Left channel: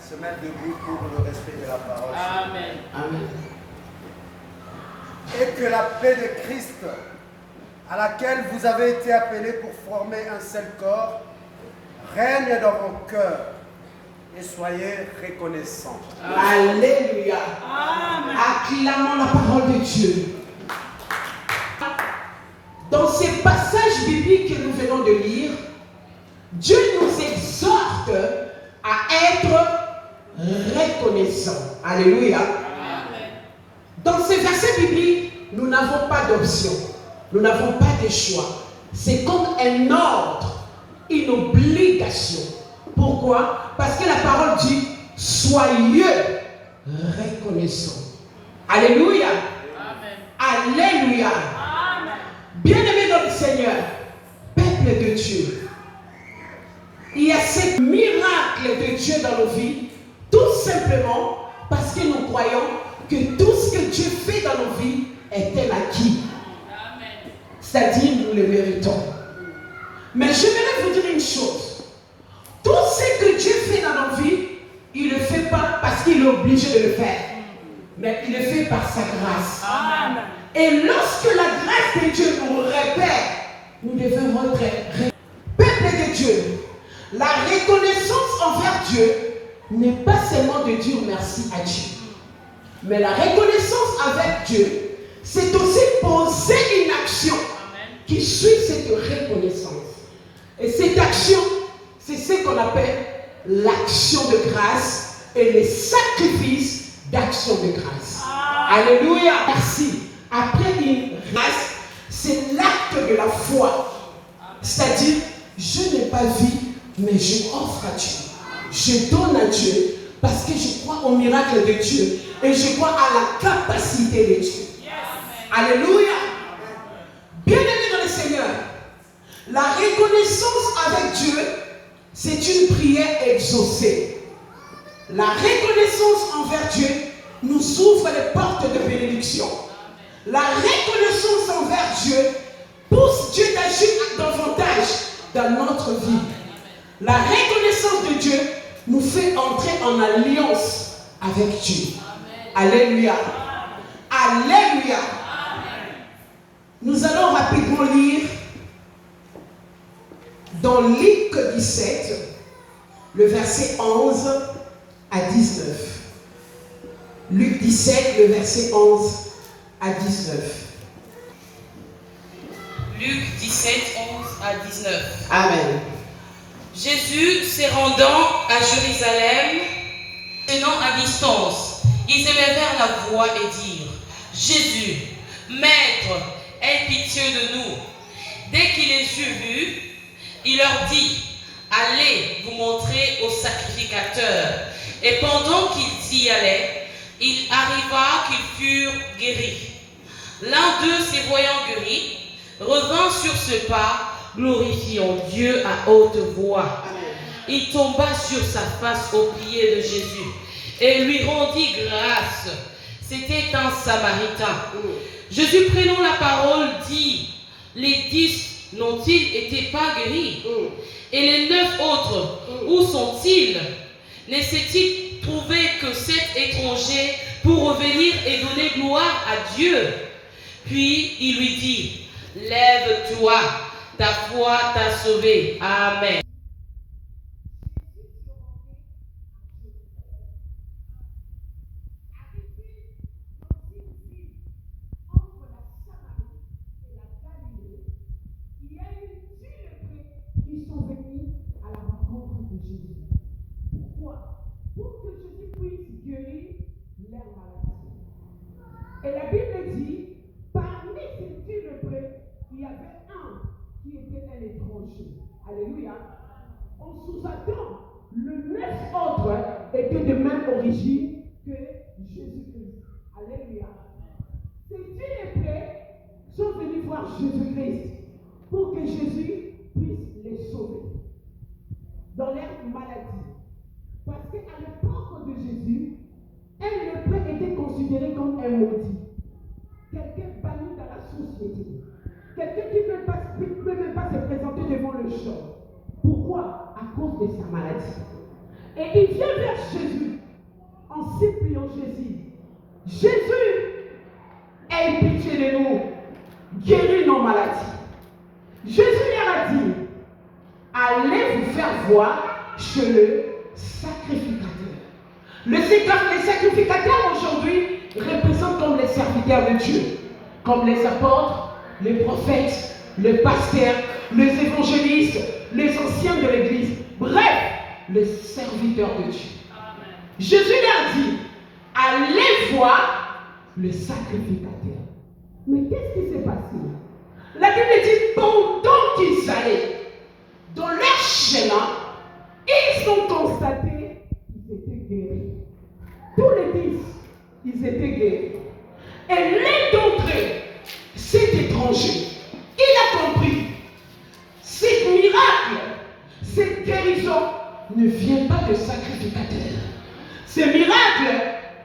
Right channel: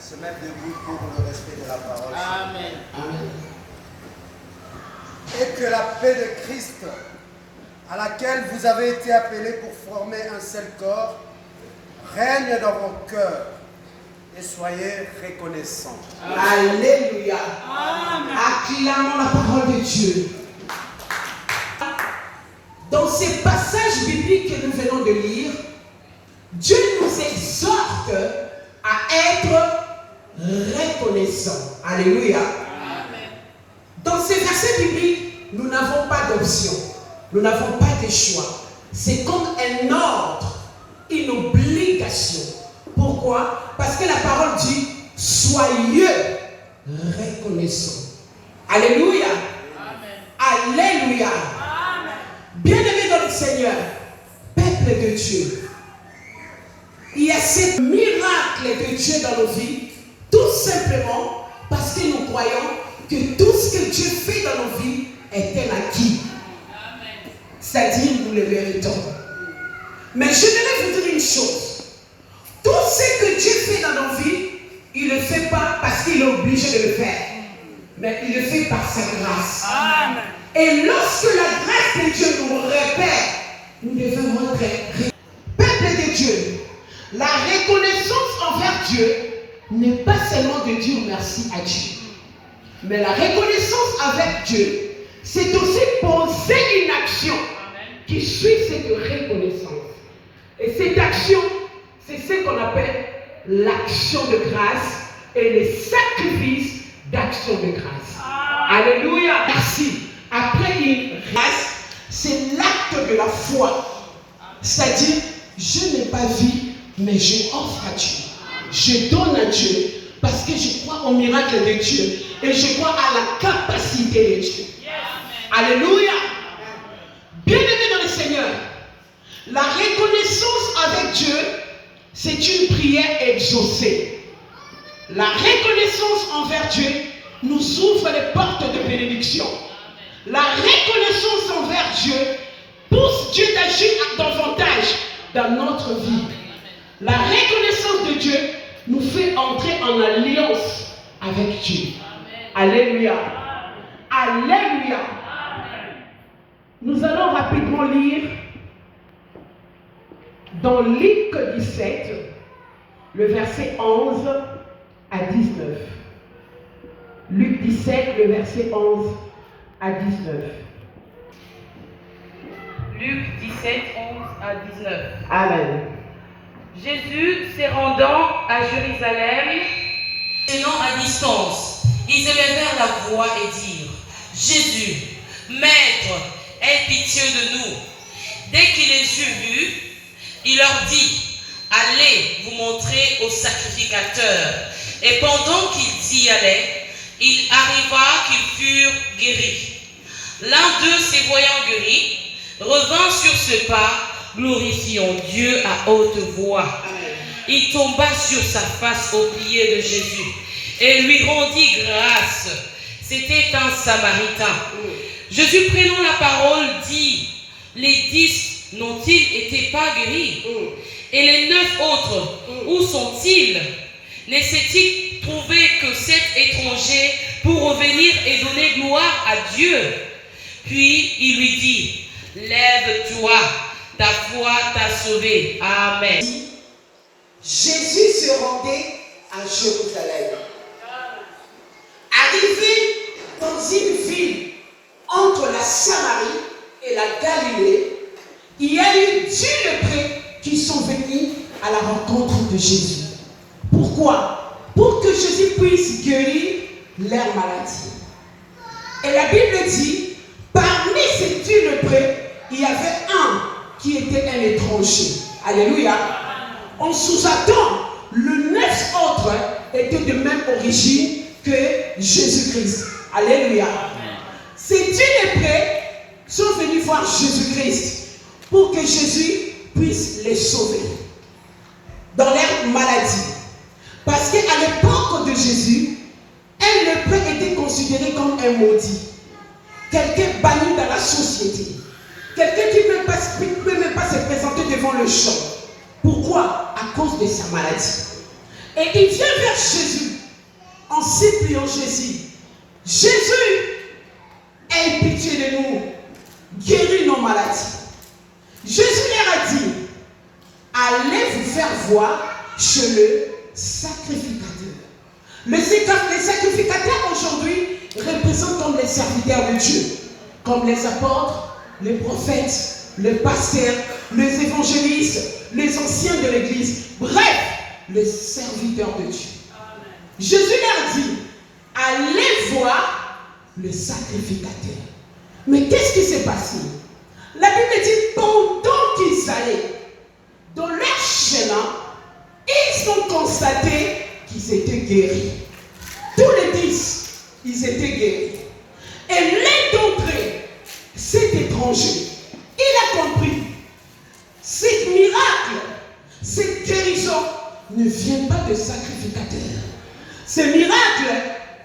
se mettre debout pour le respect de la parole. Amen. Amen. Et que la paix de Christ, à laquelle vous avez été appelés pour former un seul corps, règne dans vos cœurs et soyez reconnaissants. Alléluia. Amen. Acclamons la parole de Dieu. Dans ces passages bibliques que nous venons de lire, Dieu nous exhorte à être reconnaissants. Alléluia. Amen. Dans ces versets bibliques, nous n'avons pas d'option. Nous n'avons pas de choix. C'est comme un ordre, une obligation. Pourquoi? Parce que la parole dit « Soyez reconnaissants ». Alléluia. Amen. Alléluia. Amen. Bien-aimés dans le Seigneur, peuple de Dieu, il y a ce miracle de Dieu dans nos vies, tout simplement parce que nous croyons que tout ce que Dieu fait dans nos vies est un acquis. C'est-à-dire, nous le méritons. Mais je voudrais vous dire une chose. Tout ce que Dieu fait dans nos vies, il ne le fait pas parce qu'il est obligé de le faire. Mais il le fait par sa grâce. Amen. Et lorsque la grâce de Dieu nous repère, nous devons être peuple de Dieu. La reconnaissance envers Dieu n'est pas seulement de dire merci à Dieu. Mais la reconnaissance avec Dieu, c'est aussi poser une action qui suit cette reconnaissance. Et cette action, c'est ce qu'on appelle l'action de grâce et le sacrifice d'action de grâce. Alléluia. Merci. Après une grâce, c'est l'acte de la foi. C'est-à-dire, je n'ai pas vu, mais je offre à Dieu. Je donne à Dieu parce que je crois au miracle de Dieu et je crois à la capacité de Dieu. Alléluia. Bien-aimés dans le Seigneur, la reconnaissance avec Dieu, c'est une prière exaucée. La reconnaissance envers Dieu nous ouvre les portes de bénédiction. La reconnaissance envers Dieu pousse Dieu d'agir davantage dans notre vie. La reconnaissance de Dieu nous fait entrer en alliance avec Dieu. Alléluia. Alléluia. Nous allons rapidement lire dans Luc 17, le verset 11 à 19. Luc 17, le verset 11 à 19. Luc 17, 11 à 19. Amen. Jésus se rendant à Jérusalem, tenant à distance, ils élevèrent la voix et dirent: Jésus, Maître, aie pitié de nous. Dès qu'il les eut vus, il leur dit: Allez vous montrer au sacrificateur. Et pendant qu'ils y allaient, il arriva qu'ils furent guéris. L'un d'eux, se voyant guéri, revint sur ce pas, glorifiant Dieu à haute voix. Il tomba sur sa face aux pieds de Jésus et lui rendit grâce. C'était un Samaritain. Jésus, prenant la parole, dit: Les 10 n'ont-ils été pas guéris? Et les 9 autres, où sont-ils? Ne s'est-il trouvé que 7 étrangers pour revenir et donner gloire à Dieu? Puis il lui dit: Lève-toi, ta foi t'a sauvé. Amen. Jésus se rendait à Jérusalem. Arrivé dans une ville entre la Samarie et la Galilée, il y a eu 10 lépreux qui sont venus à la rencontre de Jésus. Pourquoi? Pour que Jésus puisse guérir leur maladie. Et la Bible dit, parmi ces 10 lépreux, il y avait un qui était un étranger. Alléluia. On sous-attend, le 9 autres étaient de même origine que Jésus-Christ. Alléluia. Ces 10 lépreux sont venus voir Jésus-Christ pour que Jésus puisse les sauver dans leur maladie. Parce qu'à l'époque de Jésus, un lépreux était considéré comme un maudit. Quelqu'un banni dans la société. Quelqu'un qui ne peut même pas se présenter devant le champ. Pourquoi? À cause de sa maladie. Et il vient vers Jésus en suppliant Jésus. Jésus, aie pitié de nous, guéris nos maladies. Jésus leur a dit, allez vous faire voir chez le sacrificateur. Les sacrificateurs aujourd'hui représentent comme les serviteurs de Dieu, comme les apôtres, les prophètes, les pasteurs, les évangélistes, les anciens de l'église, bref, les serviteurs de Dieu. Amen. Jésus leur dit, allez voir le sacrificateur. Mais qu'est-ce qui s'est passé? La Bible dit, pendant qu'ils allaient dans leur chemin, ils ont constaté qu'ils étaient guéris. Tous les 10, ils étaient guéris. Et l'un d'entre eux, cet étranger, il a compris, ce miracle, cette guérison ne vient pas de sacrificateur. Ce miracle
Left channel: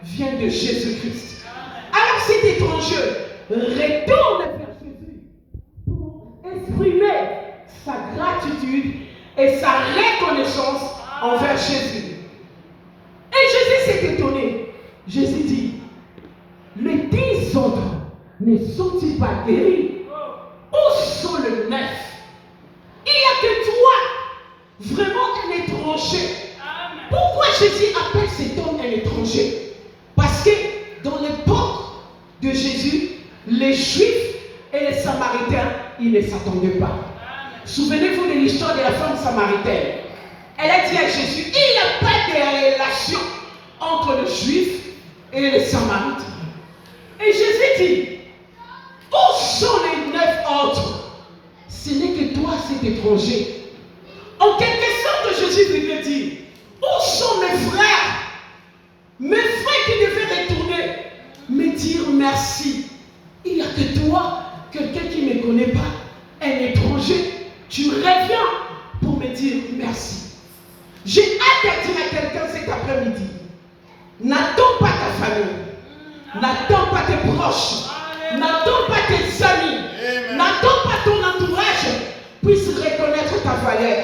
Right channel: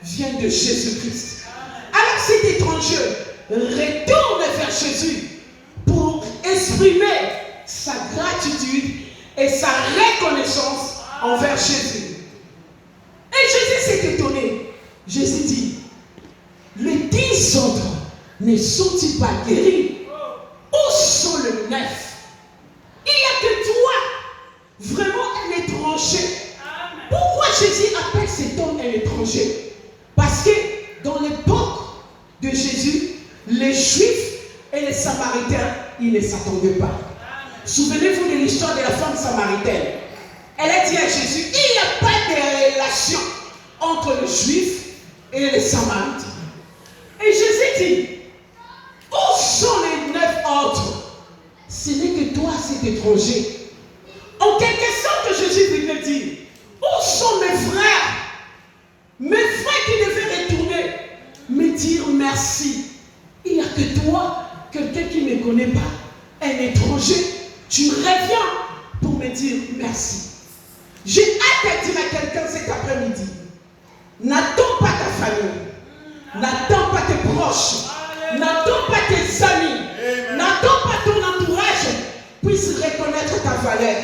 vient de Jésus-Christ. Alors cet étranger retourne vers Jésus pour exprimer sa gratitude et sa reconnaissance envers Jésus. Et Jésus s'est étonné. Jésus dit, les 10 autres ne sont-ils pas guéris? Où sont les 9? Il n'y a que toi, vraiment un étranger. Pourquoi Jésus appelle cet homme un étranger? Parce que dans l'époque de Jésus, les Juifs et les Samaritains, ils ne s'attendaient pas. Souvenez-vous de l'histoire de la femme samaritaine. Elle a dit à Jésus, il n'y a pas de relation entre les Juifs et les Samaritains. Et Jésus dit, où sont les 9 autres? Ce n'est que toi, cet étranger. En quelque sorte, Jésus venait dire, où sont mes frères? Mes frères qui devaient retourner me dire merci. Il n'y a que toi, quelqu'un qui ne me connaît pas, un étranger. Tu reviens pour me dire merci. J'ai hâte de dire à quelqu'un cet après-midi, n'attends pas ta famille, n'attends pas tes proches, n'attends pas tes amis, n'attends pas ton entourage puisse reconnaître ta valeur.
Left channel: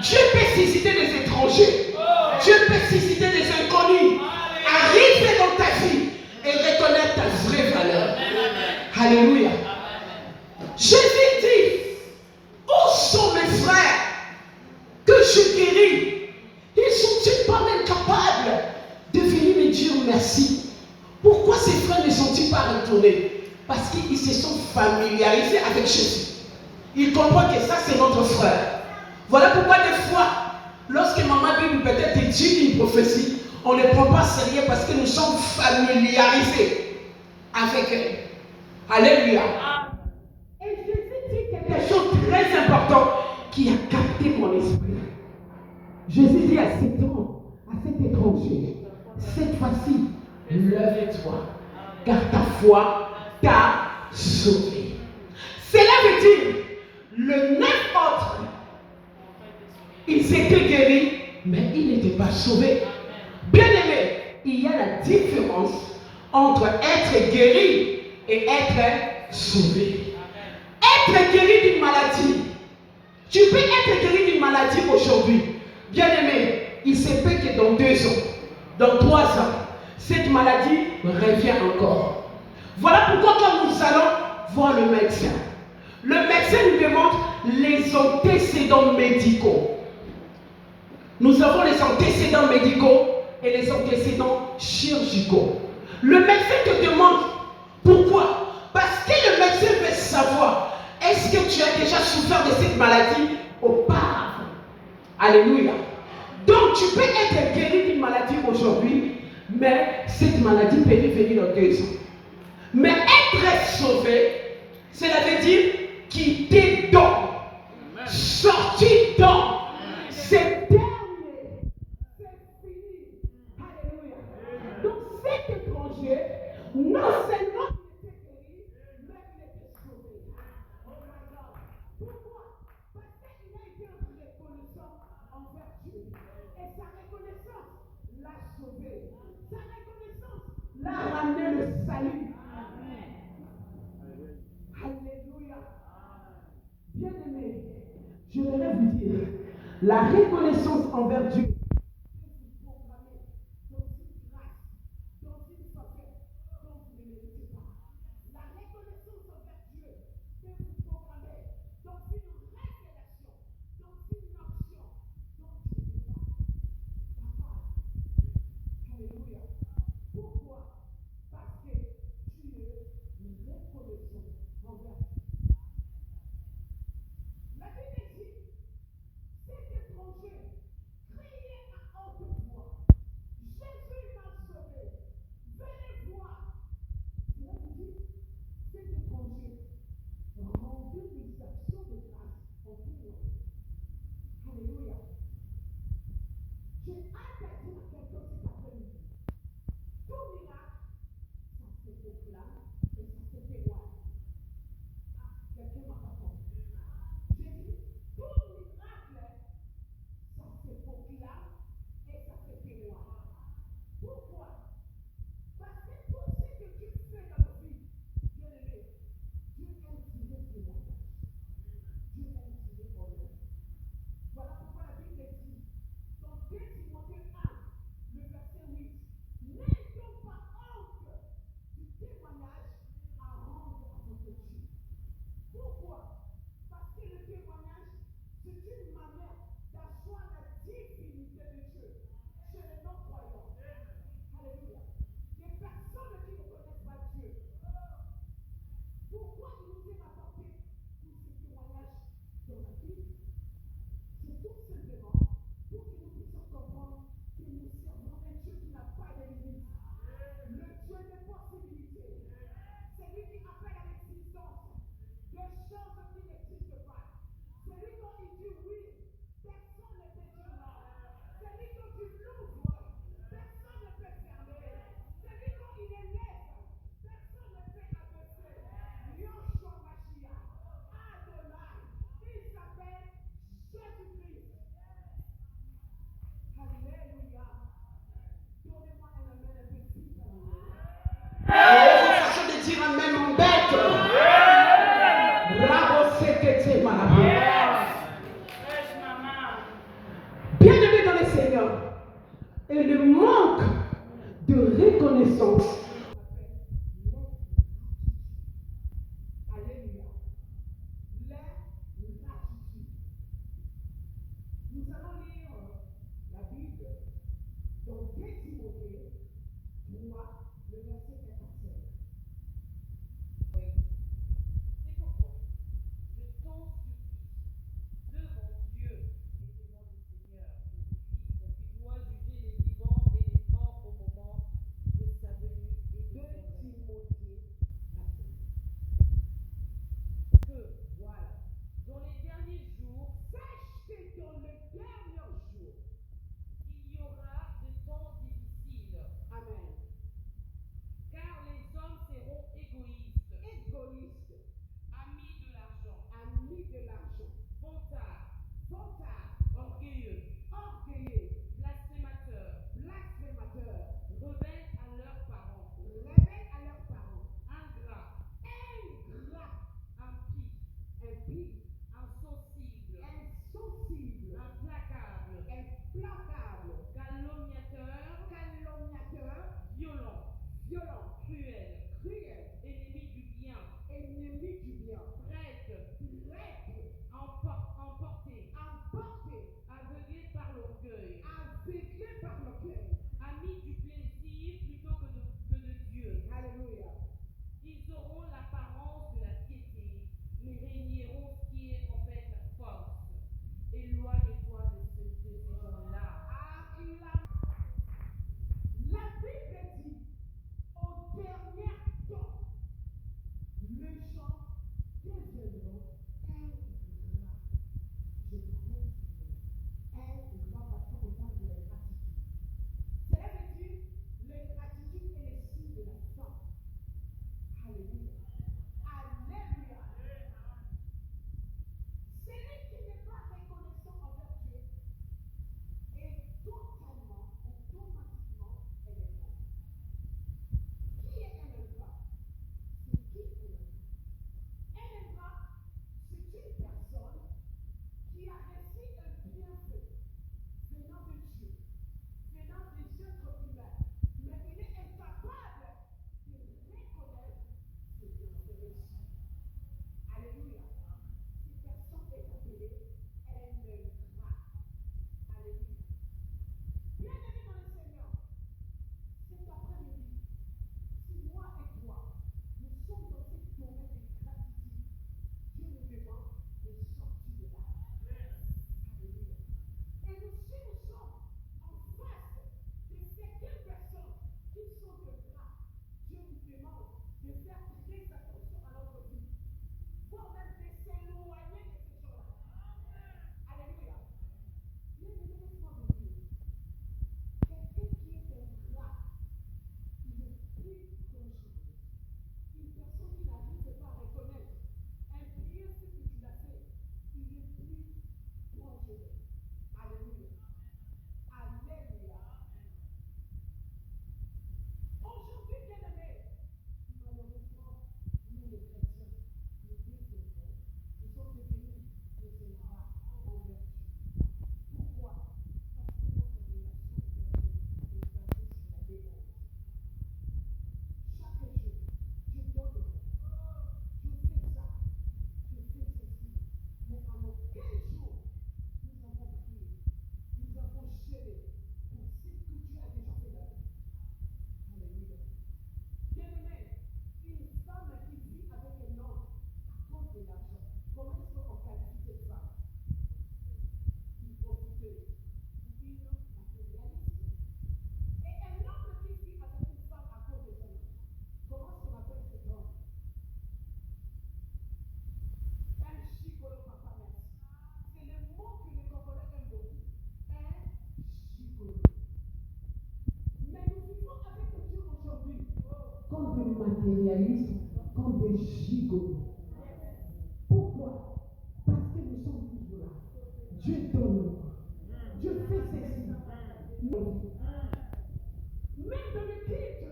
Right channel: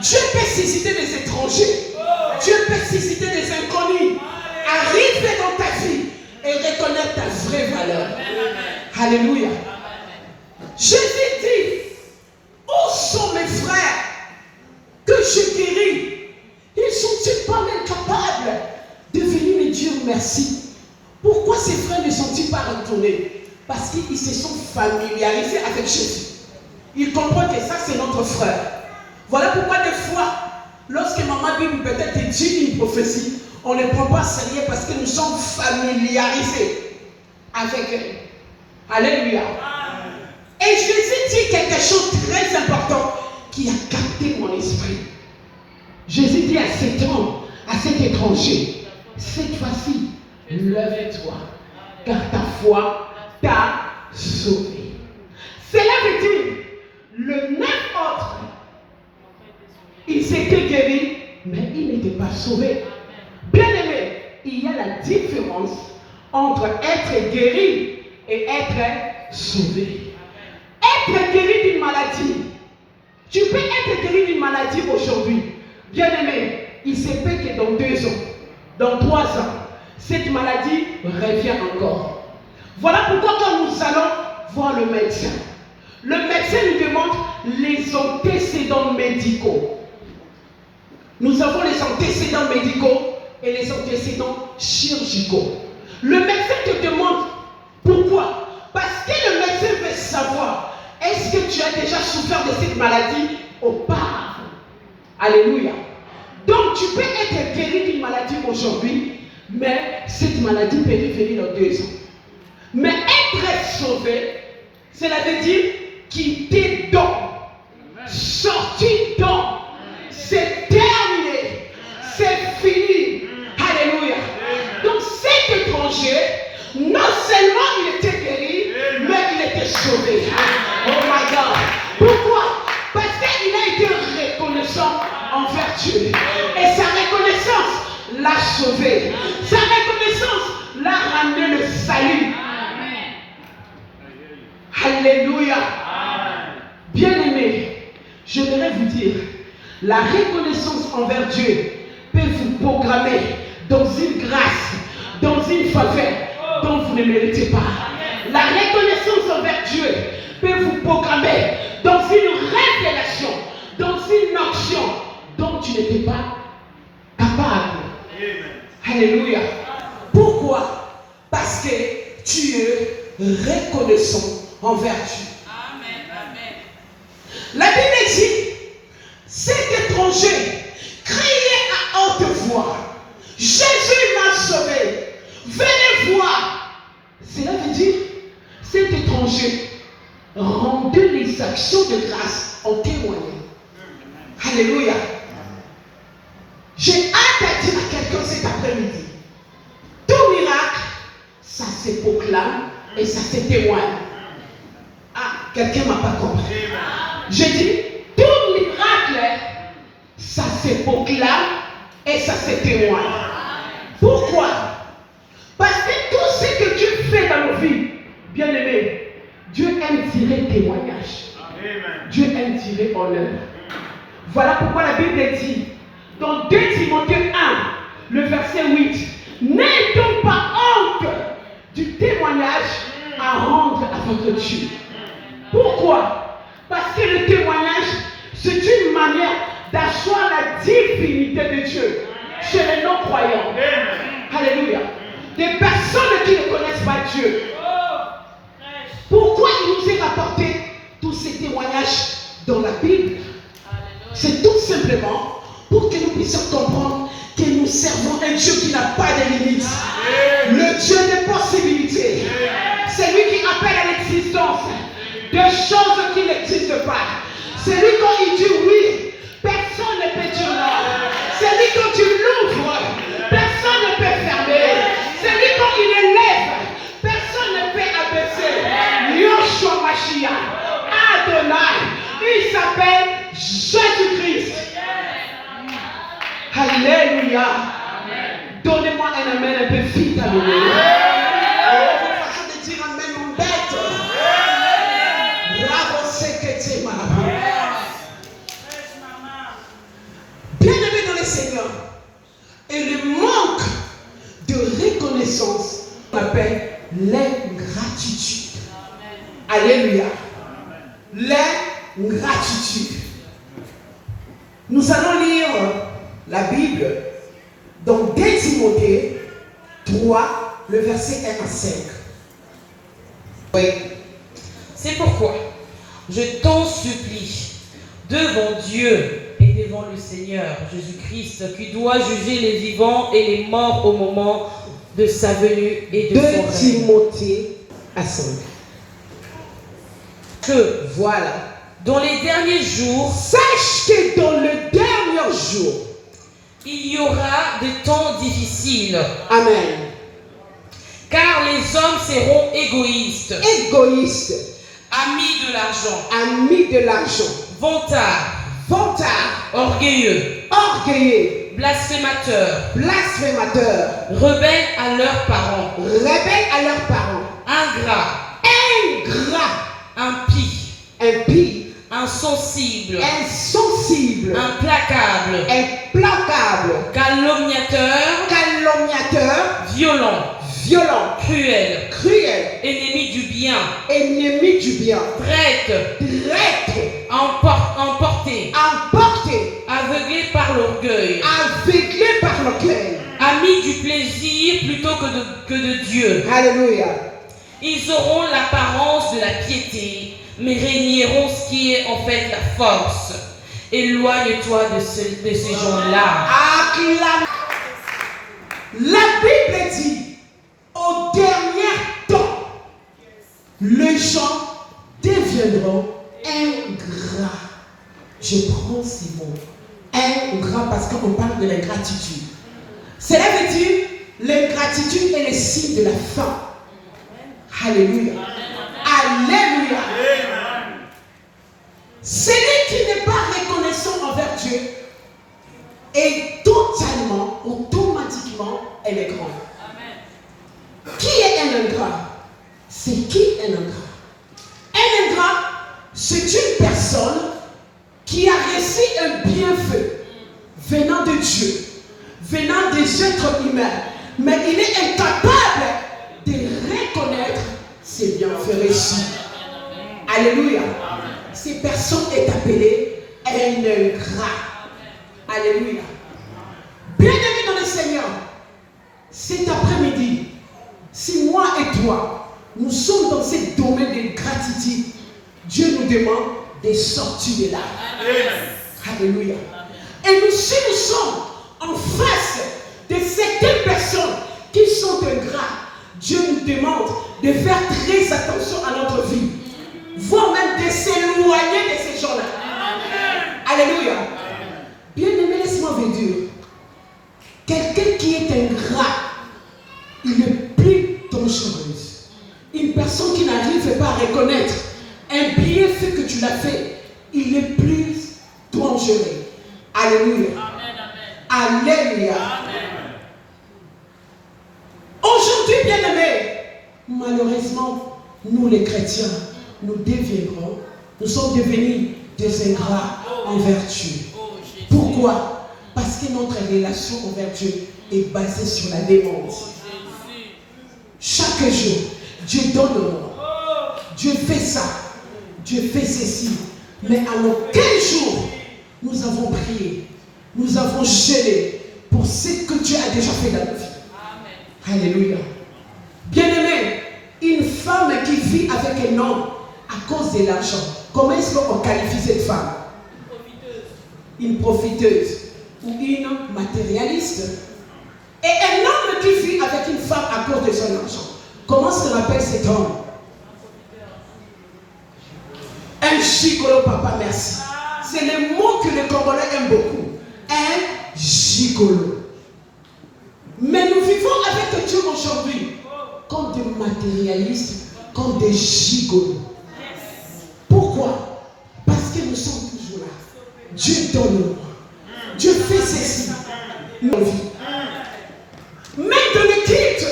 Dieu peut susciter des étrangers, Dieu peut susciter des inconnus, arriver dans ta vie et reconnaître ta vraie valeur. Alléluia. Jésus dit, où sont mes frères que je guéris? Ils sont-ils pas même capables de venir me dire merci? Pourquoi ces frères ne sont-ils pas retournés? Parce qu'ils se sont familiarisés avec Jésus. Ils comprennent que ça c'est notre frère. Voilà pourquoi des fois, lorsque maman Bible peut-être dit une prophétie, on ne prend pas sérieux parce que nous sommes familiarisés avec elle. Alléluia. Et Jésus dit quelque chose de très important qui a capté mon esprit. Jésus dit à cet homme, à cet étranger, cette fois-ci, lève-toi, car ta foi t'a sauvé. Cela veut dire, le 9 autres, ils étaient guéris, mais ils n'étaient pas sauvés. Bien aimé, il y a la différence entre être guéri et être sauvé. Être guéri d'une maladie. Tu peux être guéri d'une maladie aujourd'hui. Bien aimé, il se peut que dans 2 ans, dans 3 ans, cette maladie revient encore. Voilà pourquoi quand nous allons voir le médecin nous demande les antécédents médicaux. Nous avons les antécédents médicaux et les antécédents chirurgicaux. Le médecin te demande pourquoi? Parce que le médecin veut savoir, est-ce que tu as déjà souffert de cette maladie auparavant? Alléluia. Donc tu peux être guéri d'une maladie aujourd'hui, mais cette maladie peut revenir dans 2 ans. Mais être sauvé, cela veut dire quitter donc, sortir donc, c'est terminé, c'est fini. Alléluia. Donc cet étranger, non seulement il était guéri, mais il était sauvé. Oh my God. Pourquoi? Parce qu'il a été reconnaissant envers Dieu. Et sa reconnaissance l'a sauvé. Sa reconnaissance l'a ramené le salut. Alléluia. Bien-aimés, je voudrais vous dire, la reconnaissance envers Dieu peut vous programmer dans une grâce, dans une faveur dont vous ne méritez pas. La reconnaissance envers Dieu peut vous programmer dans une révélation, dans une action dont tu n'étais pas capable. Alléluia. Pourquoi? Parce que tu es reconnaissant envers Dieu. Amen. Amen. La Bible dit, cet étranger criait à haute voix, Jésus m'a sauvé, venez voir. Cela veut dire, cet étranger rendait les actions de grâce en témoignant. Alléluia. J'ai hâte à dire à quelqu'un cet après-midi, tout miracle, ça se proclame et ça se témoigne. Ah, quelqu'un ne m'a pas compris. J'ai dit, tout miracle, ça se proclame et ça se témoigne. Pourquoi? Parce que tout ce que Dieu fait dans nos vies, bien aimé, Dieu aime tirer témoignage. Dieu aime tirer honneur. Voilà pourquoi la Bible dit, dans 2 Timothée 1, le verset 8, n'ayez donc pas honte du témoignage à rendre à votre Dieu. Pourquoi? Parce que le témoignage, c'est une manière d'asseoir la divinité de Dieu chez les non-croyants. Alléluia. Des personnes qui ne connaissent pas Dieu. Pourquoi il nous est rapporté tous ces témoignages dans la Bible? C'est tout simplement pour que nous puissions comprendre que nous servons un Dieu qui n'a pas de limites. Le Dieu des possibilités. C'est lui qui appelle à l'existence des choses qui n'existent pas. C'est lui quand il dit oui, personne ne peut dire non. C'est lui quand il l'ouvre, personne ne peut fermer. C'est lui quand il élève, personne ne peut abaisser. Yoshua Mashiach, Adonai, il s'appelle Jésus-Christ. Alléluia. Donnez-moi un amen un peu vite, alléluia. Oh, votre façon de dire amen mon bête. Bravo, c'est que tu es malade. Bien-aimé dans le Seigneur. Et le manque de reconnaissance, on appelle l'ingratitude. Alléluia. L'ingratitude. Nous allons lire la Bible dans 2 Timothée 3, le verset 1 à 5. Oui. C'est pourquoi je t'en supplie, devant Dieu et devant le Seigneur Jésus-Christ, qui doit juger les vivants et les morts au moment de sa venue et de 2 son règne. Timothée à 5. Que, Voilà. dans les derniers jours, Sache que dans le dernier jour, il y aura des temps difficiles, Amen, car les hommes seront égoïstes, égoïste, amis de l'argent, ami de l'argent, vantards, vantard, orgueilleux, orgueilleux, blasphémateurs, blasphémateur, rebelles à leurs parents, rebelle à leurs parents, ingrats, ingrat, impies, impie, insensibles, insensible, implacables, implacable, calomniateurs, calomniateur, violents, violent, cruels, cruel, ennemis du bien, ennemi du bien, traîtres, traître, emportés, emporté, aveuglés par l'orgueil, aveuglé par l'orgueil. amis du plaisir plutôt que de Dieu. Alléluia. Ils auront l'apparence de la piété, mais régneront ce qui est en fait la force. Éloigne-toi de ces gens-là. Acclame. La Bible dit, au dernier temps, les gens deviendront ingrats. Je prends ces mots. Ingrat parce qu'on parle de l'ingratitude. Cela veut dire, l'ingratitude est le signe de la fin. Alléluia. Alléluia. Celui qui n'est pas reconnaissant envers Dieu est totalement, automatiquement, un ingrat. Qui est un ingrat? C'est qui un ingrat? Un ingrat, c'est une personne qui a reçu un bienfait venant de Dieu, venant des êtres humains, mais il est incapable de reconnaître ses bienfaits reçus. Alléluia. Cette personne est appelée un ingrat. Alléluia. Bien-aimés dans le Seigneur, cet après-midi, si moi et toi, nous sommes dans ce domaine de gratitude, Dieu nous demande de sortir de là. Alléluia. Et si nous sommes en face de certaines personnes qui sont ingrats, Dieu nous demande de faire très attention à notre vie, voire même de s'éloigner de ces gens-là. Alléluia. Bien-aimé, laisse-moi vous dire, quelqu'un qui est ingrat, il est plus dangereux. Une personne qui n'arrive pas à reconnaître un bienfait que tu l'as fait, il est plus dangereux. Alléluia. Amen, amen. Alléluia. Amen. Aujourd'hui, bien-aimés, malheureusement, nous les chrétiens, nous sommes devenus des ingrats envers Dieu. Pourquoi? Parce que notre relation envers Dieu est basée sur la demande. Chaque jour, Dieu donne au monde. Dieu fait ça. Dieu fait ceci. Mais à aucun jour, nous avons prié. Nous avons jeûné pour ce que Dieu a déjà fait dans nos vies. Alléluia. Bien-aimé, une femme qui vit avec un homme à cause de l'argent, comment est-ce qu'on qualifie cette femme? Une profiteuse ou une matérialiste. Et un homme qui vit avec une femme à cause de son argent, comment est-ce qu'on appelle cet homme? Un gigolo, papa, merci. C'est le mot que les Congolais aiment beaucoup. Un gigolo. Mais nous vivons avec Dieu aujourd'hui comme des matérialistes, comme des gigolos. Pourquoi? Parce que nous sommes toujours là. Dieu donne. Dieu fait ceci. Nos vies. Même dans le culte,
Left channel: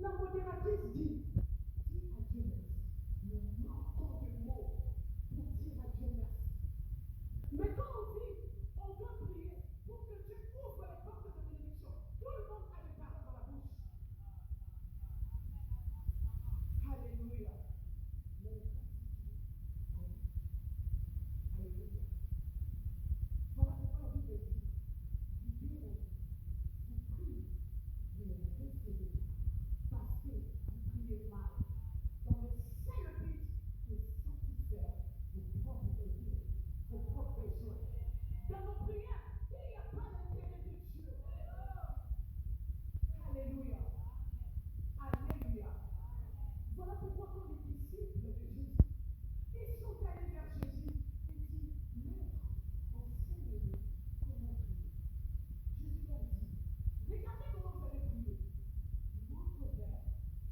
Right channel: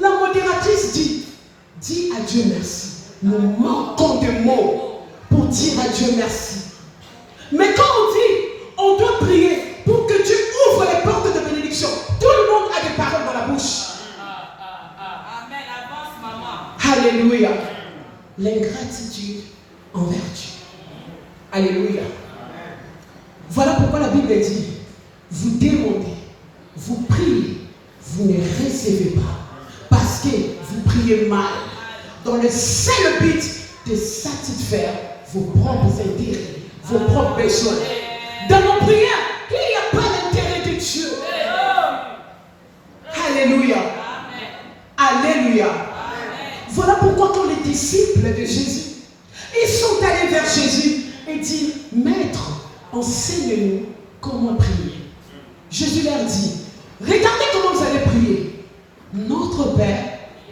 la modératrice dit à Dieu merci. Nous manquons de mots pour dire à Dieu merci. Mais quand on dit, on doit prier pour que Dieu ouvre les portes de bénédiction. Tout le monde a des paroles dans la bouche. Amen. Avance, maman. Alléluia. L'ingratitude envers Dieu. Alléluia. Voilà pourquoi la Bible dit, vous demandez, vous priez, vous ne recevez pas. Parce que vous priez mal, dans le seul but de satisfaire vos propres intérêts, vos propres besoins. Dans nos prières, il n'y a pas l'intérêt de Dieu. Alléluia. Alléluia. Voilà pourquoi quand les disciples de Jésus, ils sont allés vers Jésus et disent, Maître, enseigne-nous comment prier. Jésus leur dit, regardez comment vous allez prier. Notre Père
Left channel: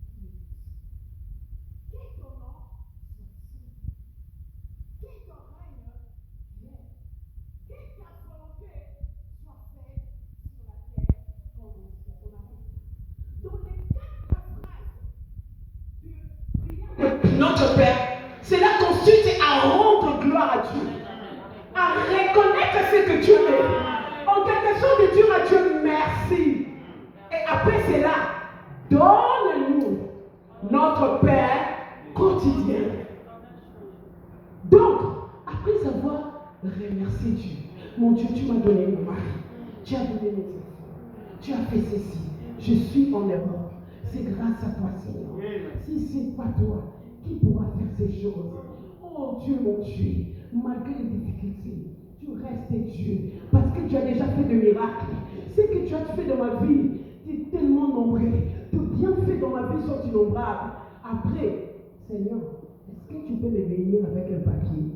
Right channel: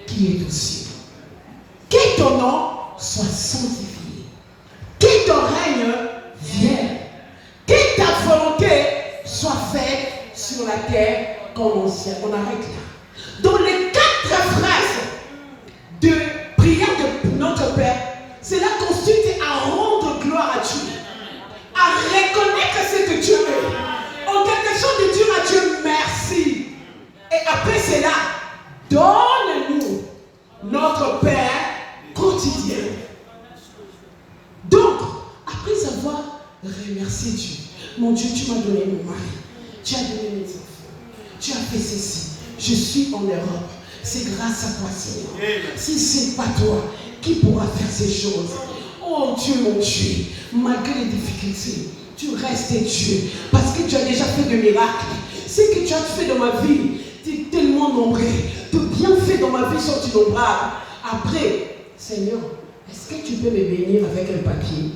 qui est aux cieux, que ton nom soit sanctifié, que ton règne vienne, que ta volonté soit faite sur la terre comme au ciel. On arrête là. Dans les 4 phrases de prière de notre Père, cela consiste à rendre gloire à Dieu, à reconnaître ce que Dieu est, en quelque chose de dire à Dieu merci. Et après cela, donne-nous notre Père quotidien. Donc, après avoir remercié Dieu, mon Dieu, tu m'as donné mon mari, tu as donné mes enfants, tu as fait ceci, je suis en Europe, c'est grâce à toi, Seigneur. Si ce n'est pas toi, qui pourra faire ces choses? Oh Dieu, mon Dieu, malgré les difficultés, tu restes Dieu, parce que tu as déjà fait de miracles. Ce que tu as fait dans ma vie, tu es tellement nombreux, tes bienfaits dans ma vie sont innombrables. Après, Seigneur, est-ce que tu peux me bénir avec un papier?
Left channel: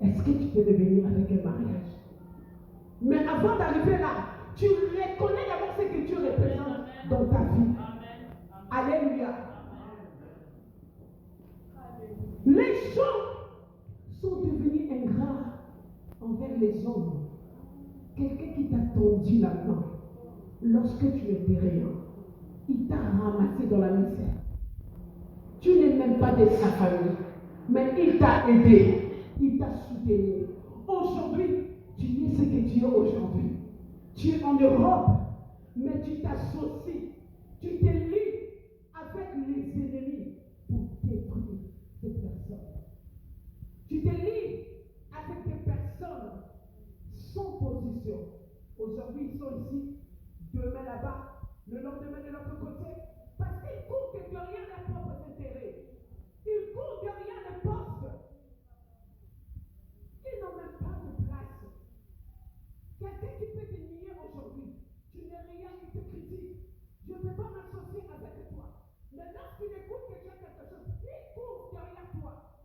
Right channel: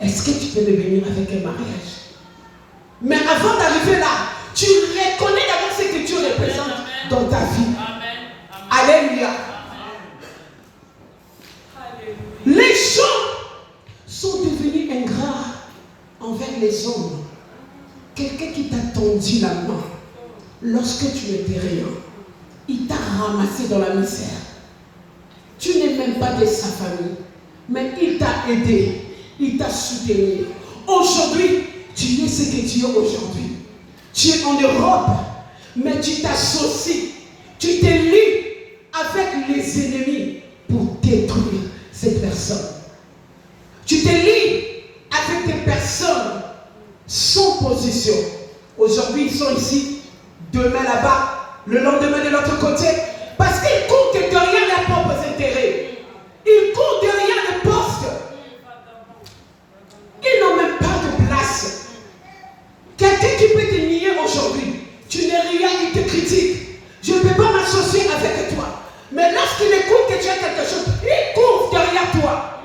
Est-ce que tu peux me bénir avec un mariage? Mais avant d'arriver là, tu reconnais d'abord ce que Dieu représente dans ta vie. Alléluia. Les gens sont devenus ingrats envers les hommes. Quelqu'un qui t'a tendu la main lorsque tu n'étais rien, il t'a ramassé dans la misère. Tu n'es même pas de sa famille, mais il t'a aidé, il t'a soutenu. Aujourd'hui, tu es ce que tu es aujourd'hui. Tu es en Europe, mais tu t'associes, tu te lis avec les ennemis pour détruire cette personne. Tu te lis avec des personnes sans position. Aujourd'hui, ils sont ici, demain là-bas, le lendemain de l'autre côté, parce qu'ils courent derrière leurs propres intérêts. Ils courent derrière les postes. Ils n'ont même pas de place. Quelqu'un qui peut te nier aujourd'hui, tu n'es rien, il te critique. Je ne peux pas m'associer avec toi. Mais lorsqu'il écoute que tu as quelque chose, il court derrière toi.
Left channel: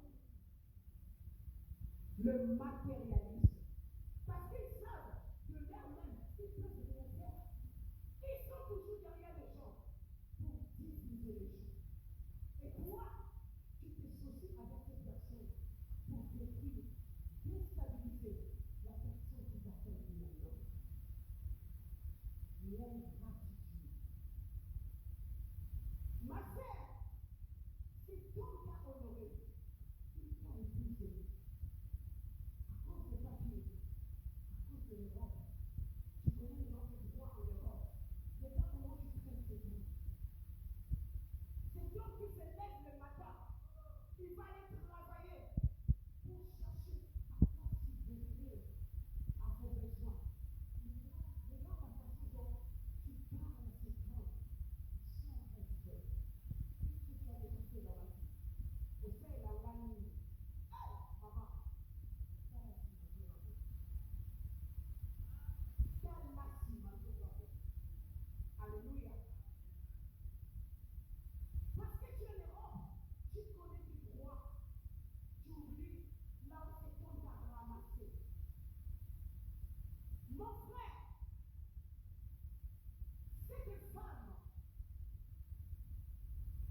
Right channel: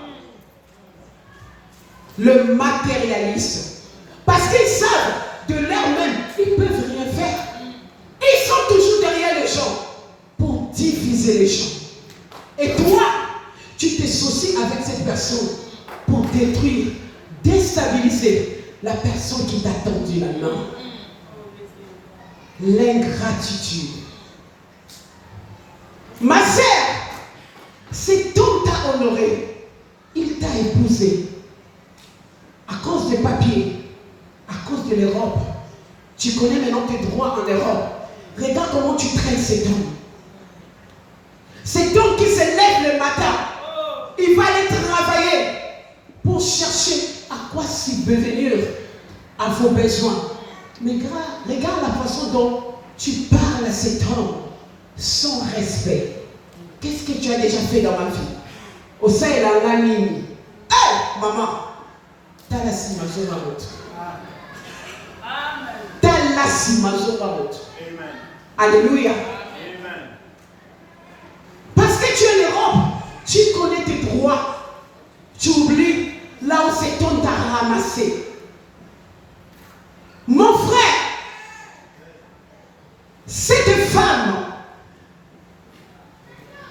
Le matérialiste. Parce qu'ils savent de leur-même, ils ne peuvent rien faire. Ils sont toujours derrière les gens pour diviser les gens. Et toi, tu t'associes avec cette personne pour détruire, déstabiliser la personne qui t'a tendu la main. L'ingratitude. Ma sœur, cet homme t'a honoré. Il t'a épousé. À cause des papiers, à cause de l'Europe. Tu connais maintenant tes droits en Europe. Regarde comment tu traînes cet homme. Cet homme qui se lève le matin, il va aller travailler pour chercher à quoi subvenir à vos besoins. Mais regarde la façon dont tu parles à cet homme sans respect. Qu'est-ce que tu as déjà fait dans ma vie? Au sein de la ligne. Hey, maman, t'as la simazo ma route. T'as la simazo ma route. Alléluia. Parce que tu es en Europe, tu connais tes droits. Tu oublies là où cet homme t'a ramassé. Mon frère, cette femme,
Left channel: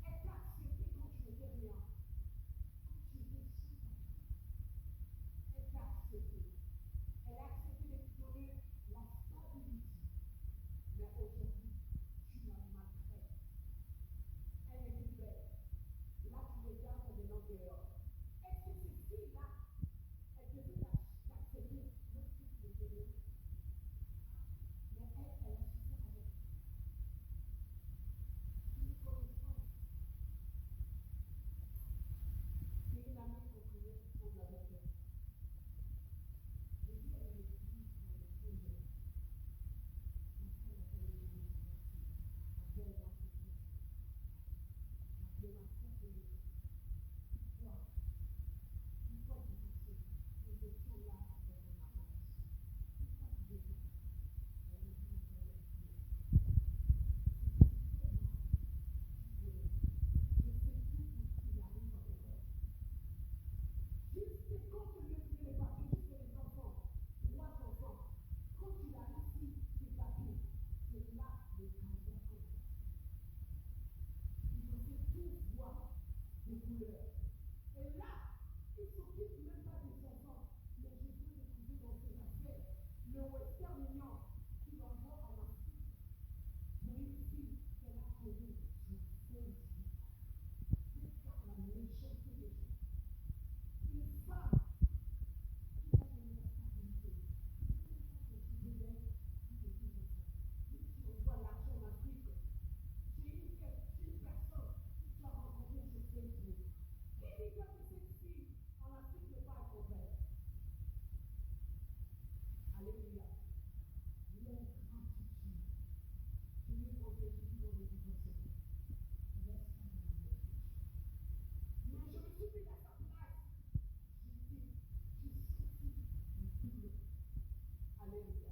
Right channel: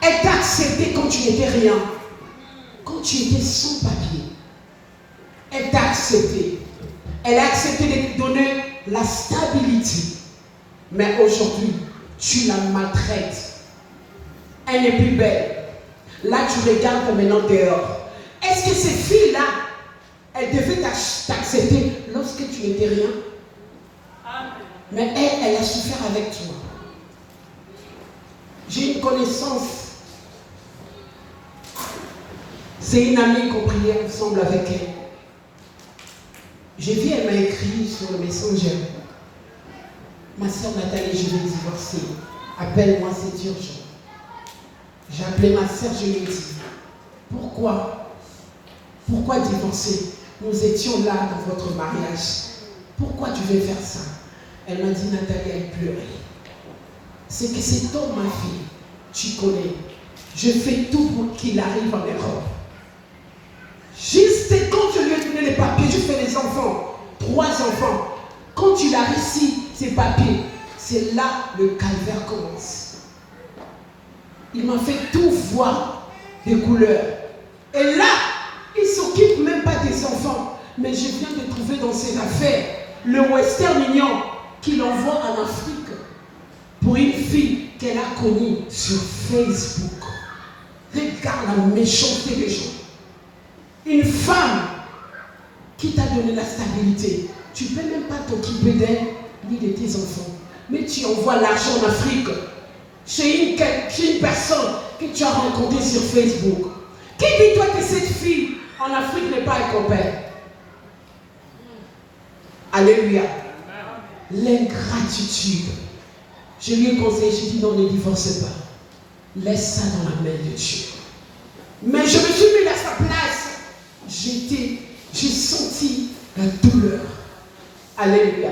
elle t'a accepté quand tu n'étais rien, quand tu étais sans papier. Elle t'a accepté. Elle a accepté de te donner la stabilité. Mais aujourd'hui, tu la maltraites. Elle n'est plus belle. Là, tu regardes maintenant dehors. Est-ce que ces filles-là, elles devaient t'accepter lorsque tu n'étais rien? Mais elle a souffert avec toi. J'ai une connaissance. C'est une amie qu'on priait ensemble avec elle. J'ai vu, elle m'a écrit sur le Messenger. Ma soeur Nathalie, je vais divorcer. Appelle-moi, c'est urgent. J'ai appelé ma soeur, je lui ai dit, pourquoi divorcer? Nous étions là dans votre mariage. Pourquoi tu veux faire ça? Elle m'a dit, Nathalie, elle pleurait. C'est que cet homme, ma fille, tu connais. Je fais tout pour qu'il arrive en Europe. Juste quand je lui ai donné les papiers, je fais les enfants. 3 enfants. Quand il a réussi ces papiers, c'est là le calvaire commence. Il m'a fait tout voir des couleurs. Et là, il ne s'occupe même pas des enfants. Mais je viens de trouver dans ses affaires le Western Union qu'il envoie en Afrique pour une fille qu'elle a connue sur Facebook. Regarde la méchanceté des gens. Une femme qui t'a donné la stabilité. Tu ne peux même pas t'occuper d'elle ni de tes enfants. Mais tu envoies l'argent en Afrique chez une personne que tu as rencontrée sur Facebook. Qui dit toi que cette fille en Afrique n'est pas un copain? Alléluia. L'ingratitude. Je lui ai conseillé, j'ai dit non, ne divorce pas. Laisse ça dans la main de Dieu. Mais je me suis mis à sa place. J'ai senti la douleur. Alléluia.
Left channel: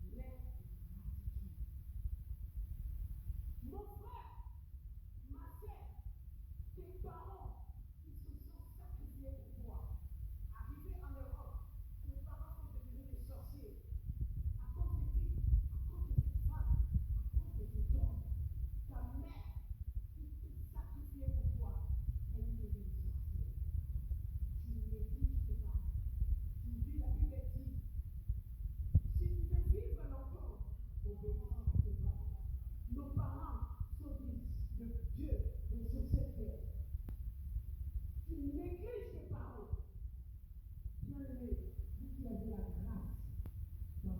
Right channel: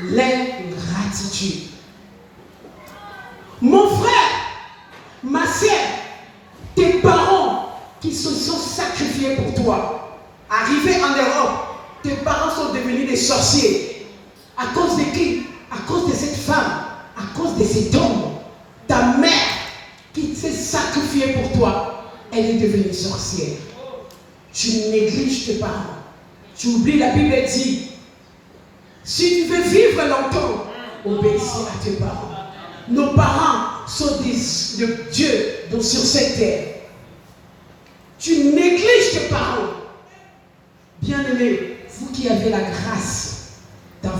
L'ingratitude. Mon frère, ma sœur, tes parents qui se sont sacrifiés pour toi, arrivés en Europe, tes parents sont devenus des sorciers. À cause de qui? À cause de cette femme, à cause de cet homme. Ta mère qui s'est sacrifiée pour toi, elle est devenue sorcière. Tu négliges tes parents. Tu oublies, la Bible dit, si tu veux vivre longtemps, obéissez à tes parents. Nos parents sont de Dieu sur cette terre. Tu négliges tes parents. Bien-aimés, vous qui avez la grâce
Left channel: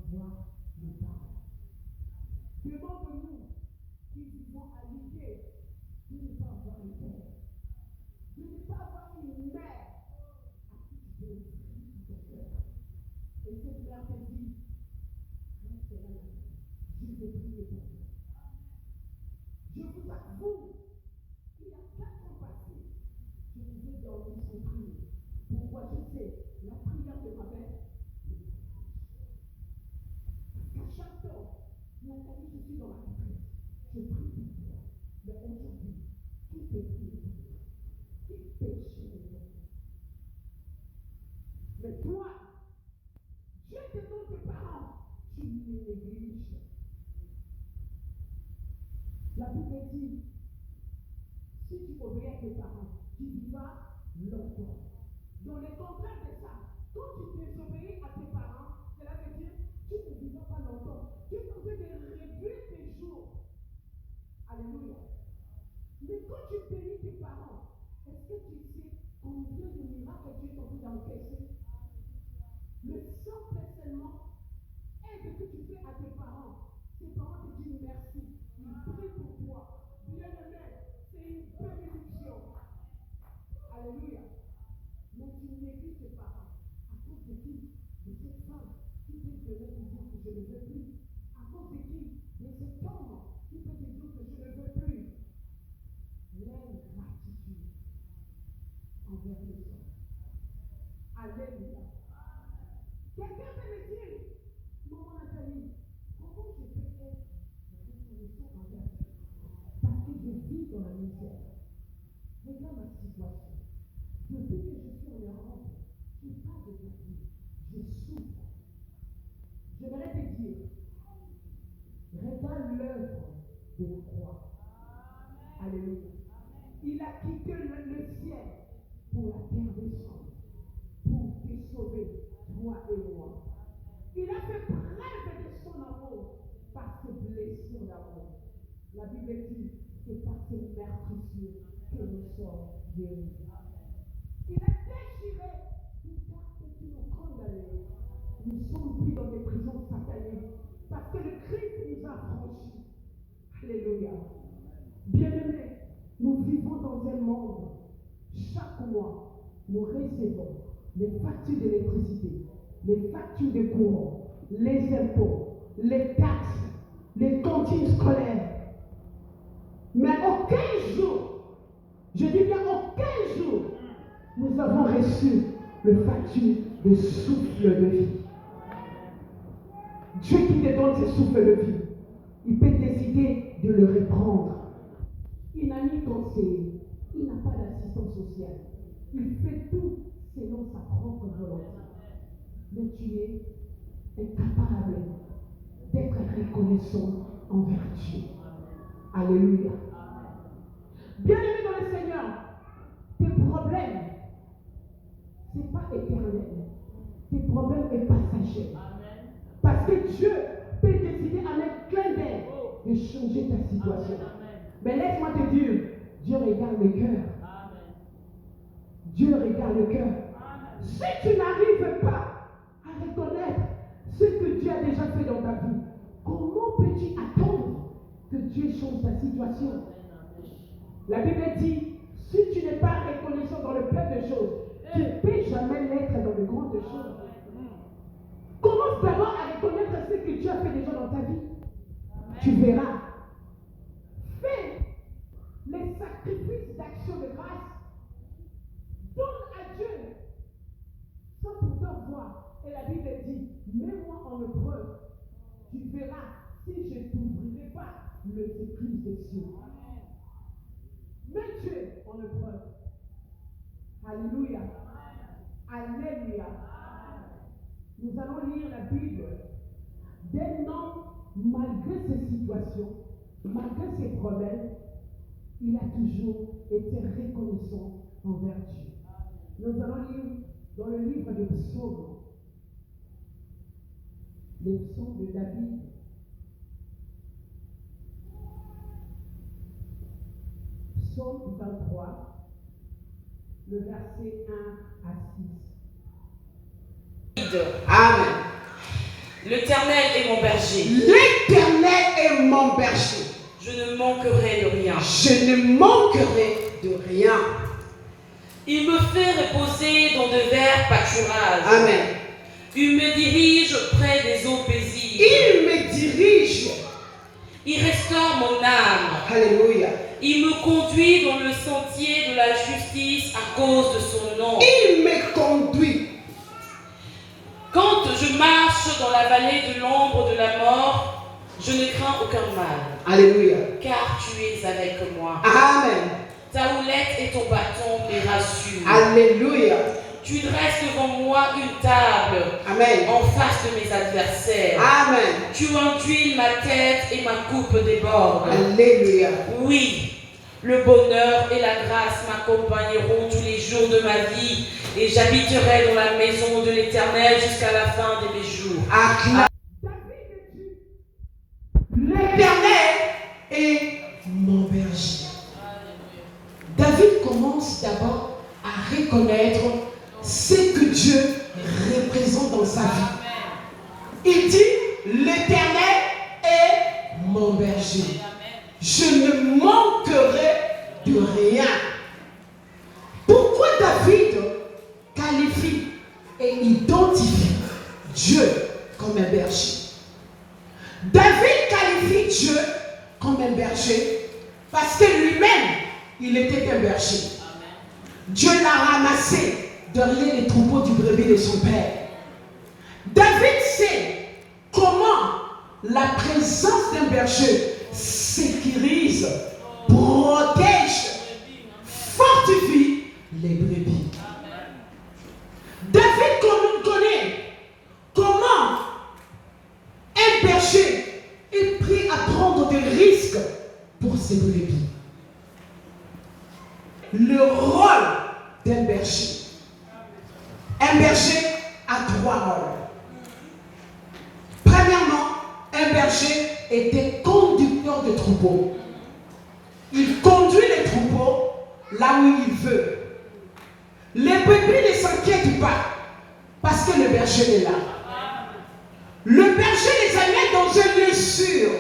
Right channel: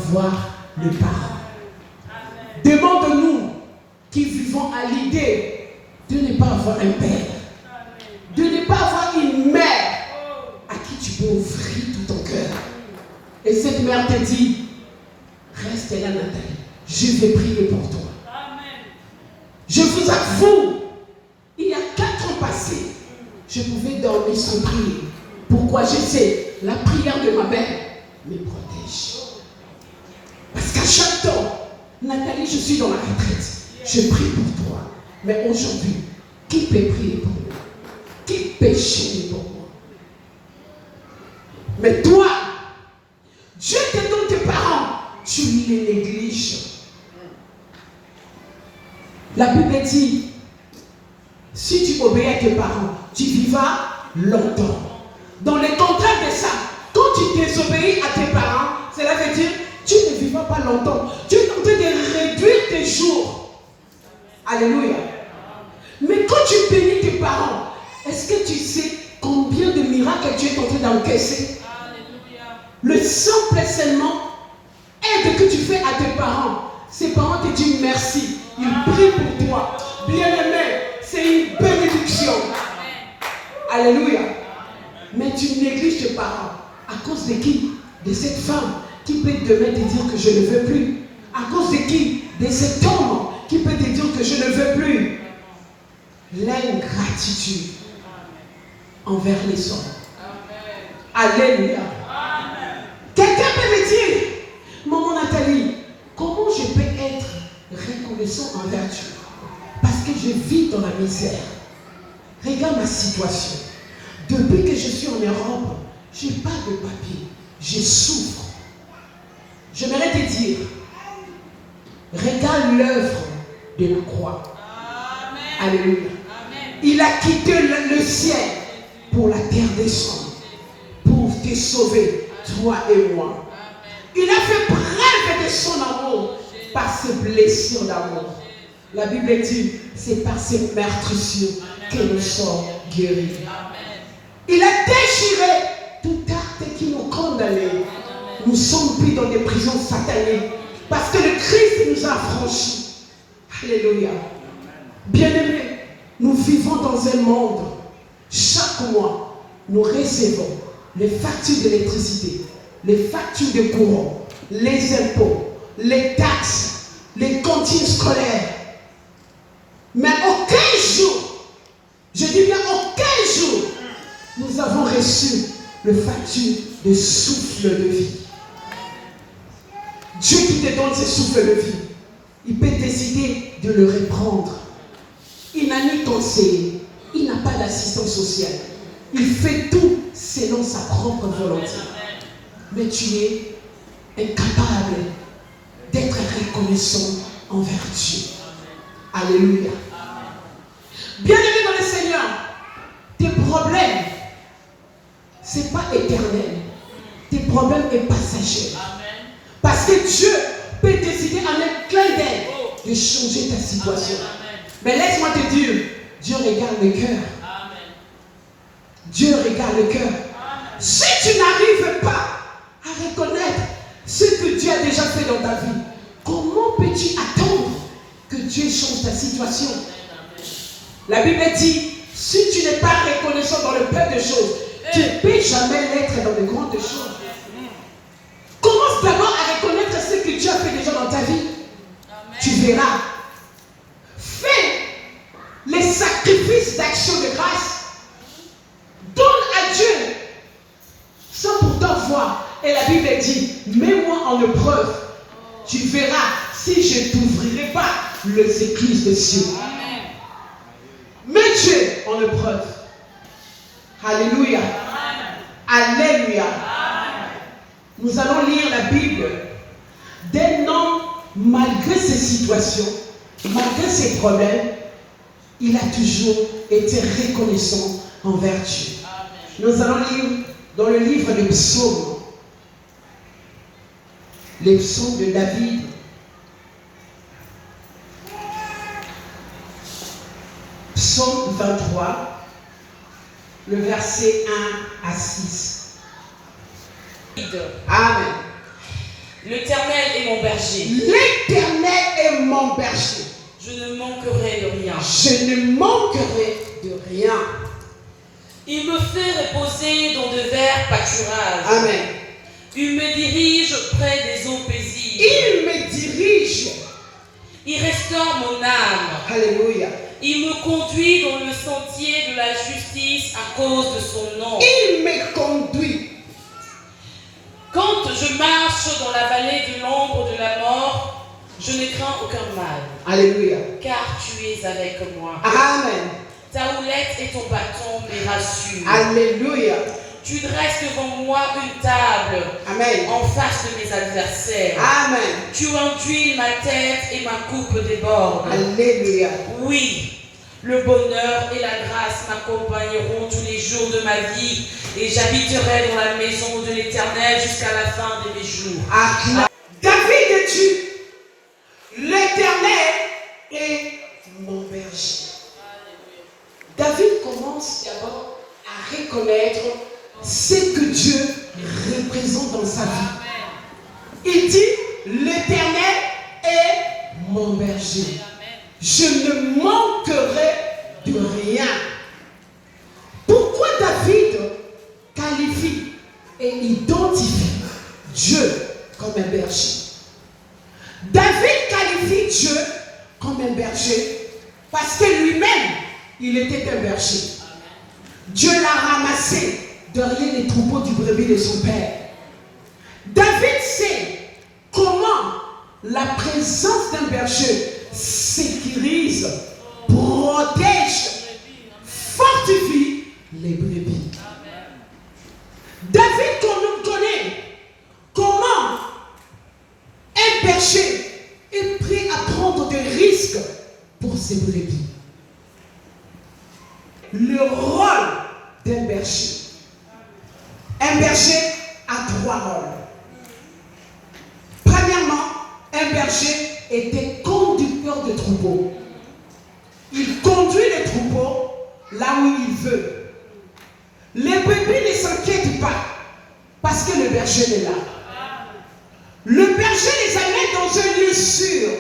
d'avoir le parent. Demande-nous qui vivons à l'idée de ne pas avoir un père, de ne pas avoir une mère à qui tu peux offrir tout ton cœur. Et cette mère te dit, reste là Nathalie, je vais prier pour toi. Je vous avoue, il y a 4 ans passés, je pouvais dormir sans prier. Pourquoi? Je sais, la prière de ma mère me protège. Parce qu'à chaque temps, Nathalie, je suis dans la retraite, je prie pour toi. Mais aujourd'hui, qui peut prier pour moi? Qui peut chanter pour moi? Mais toi, Dieu te donne tes parents, tu les négliges. La Bible dit, si tu obéis à tes parents, tu vivras longtemps. Dans le contraire de ça, quand tu désobéis à tes parents, cela veut dire tu ne vivras pas longtemps. Tu es en train de réduire tes jours. Alléluia. Mais quand tu bénis tes parents, est-ce que tu sais combien de miracles tu es en train d'encaisser? Le simple seulement aide que tu fais à tes parents. Ses parents te disent merci. Ils prient pour toi. Bien-aimé, c'est une bénédiction. Alléluia. Mais tu négliges tes parents. À cause de qui? De cette femme qui peut demain te dire que je ne veux plus. À cause de qui? De cet homme qui peut te dire que je ne veux plus. L'ingratitude envers les hommes. Alléluia. Quelqu'un peut me dire, maman Nathalie, comment je peux être reconnaissant envers Dieu? Parce que je vis dans la misère. Regarde ma situation. Depuis que je suis en Europe, je n'ai pas de papier. Je souffre. J'aimerais te dire, regarde l'œuvre de la croix. Amen. Alléluia. Amen. Il a quitté le ciel pour la terre des hommes, pour te sauver, toi et moi. Il a fait preuve de son amour par ses blessures d'amour. La Bible dit, c'est par ses meurtrissures que nous sommes guéris. Il a déchiré tout acte qui nous condamnait. Nous sommes pris dans des prisons sataniques parce que le Christ nous a affranchis. Alléluia. Bien-aimés, nous vivons dans un monde. Chaque mois, nous recevons les factures d'électricité, les factures de courant, les impôts, les taxes, les cantines scolaires. Mais aucun jour, je dis bien aucun jour, nous avons reçu le facture de souffle de vie. Dieu qui te donne ce souffle de vie, il peut décider de le reprendre. Il n'a ni conseiller, il n'a pas d'assistance sociale. Il fait tout selon sa propre volonté. Mais tu es incapable d'être reconnaissant envers Dieu. Alléluia. Bien-aimé dans le Seigneur, tes problèmes, ce n'est pas éternel. Tes problèmes sont passagers. Parce que Dieu peut décider en un clin d'œil de changer ta situation. Mais laisse-moi te dire, Dieu regarde le cœur. Dieu regarde le cœur. Si tu n'arrives pas à reconnaître ce que Dieu a déjà fait dans ta vie, comment peux-tu attendre que Dieu change ta situation? La Bible dit, si tu n'es pas reconnaissant dans le peu de choses, tu ne peux jamais l'être dans de grandes choses. Commence d'abord à reconnaître ce que Dieu a fait déjà dans ta vie. Amen. Tu verras. Fais les sacrifices d'action de grâce. Donne à Dieu sans pourtant voir. Et la Bible dit, mets-moi en épreuve. Tu verras si je ne t'ouvrirai pas les écluses des cieux. Mets Dieu en épreuve. Alléluia. Alléluia. Nous allons lire la Bible d'un homme, malgré ses situations, malgré ses problèmes, il a toujours été reconnaissant envers Dieu. Nous allons lire dans le livre des psaumes, les psaumes de David. Psaume 23, le verset 1 à 6. Amen. L'Éternel est mon berger. L'Éternel est mon berger. Je ne manquerai de rien. Je ne manquerai de rien. Il me fait reposer dans de verts pâturages. Amen. Il me dirige près des eaux paisibles. Il me dirige. Il restaure mon âme. Alléluia. Il me conduit dans le sentier de la justice à cause de son nom. Il me conduit. Quand je marche dans la vallée de l'ombre de la mort, je ne crains aucun mal. Alléluia. Car tu es avec moi. Amen. Ta houlette et ton bâton me rassurent. Alléluia. Tu dresses devant moi une table. Amen. En face de mes adversaires. Amen. Tu enduis ma tête et ma coupe déborde. Alléluia. Oui, le bonheur et la grâce m'accompagneront tous les jours de ma vie et j'habiterai dans la maison de l'Éternel jusqu'à la fin de mes jours. David dit, l'Éternel est mon berger. David commence d'abord à reconnaître ce que Dieu représente dans sa vie. Il dit, l'Éternel est mon berger. Je ne manquerai de rien. Pourquoi David qualifie et identifie Dieu comme un berger? David qualifie Dieu comme un berger parce que lui-même, il était un berger. Dieu l'a ramassé derrière les troupeaux du brebis de son père. David sait comment la présence d'un berger sécurise, protège, fortifie les brebis. David connaît comment un berger est prêt à prendre des risques pour ses brebis. Le rôle d'un berger. Un berger a 3 rôles. Premièrement, un berger était conducteur de troupeaux. Il conduit les troupeaux là où il veut. Les brebis ne s'inquiètent pas parce que le berger est là. Le berger les amène dans un lieu sûr.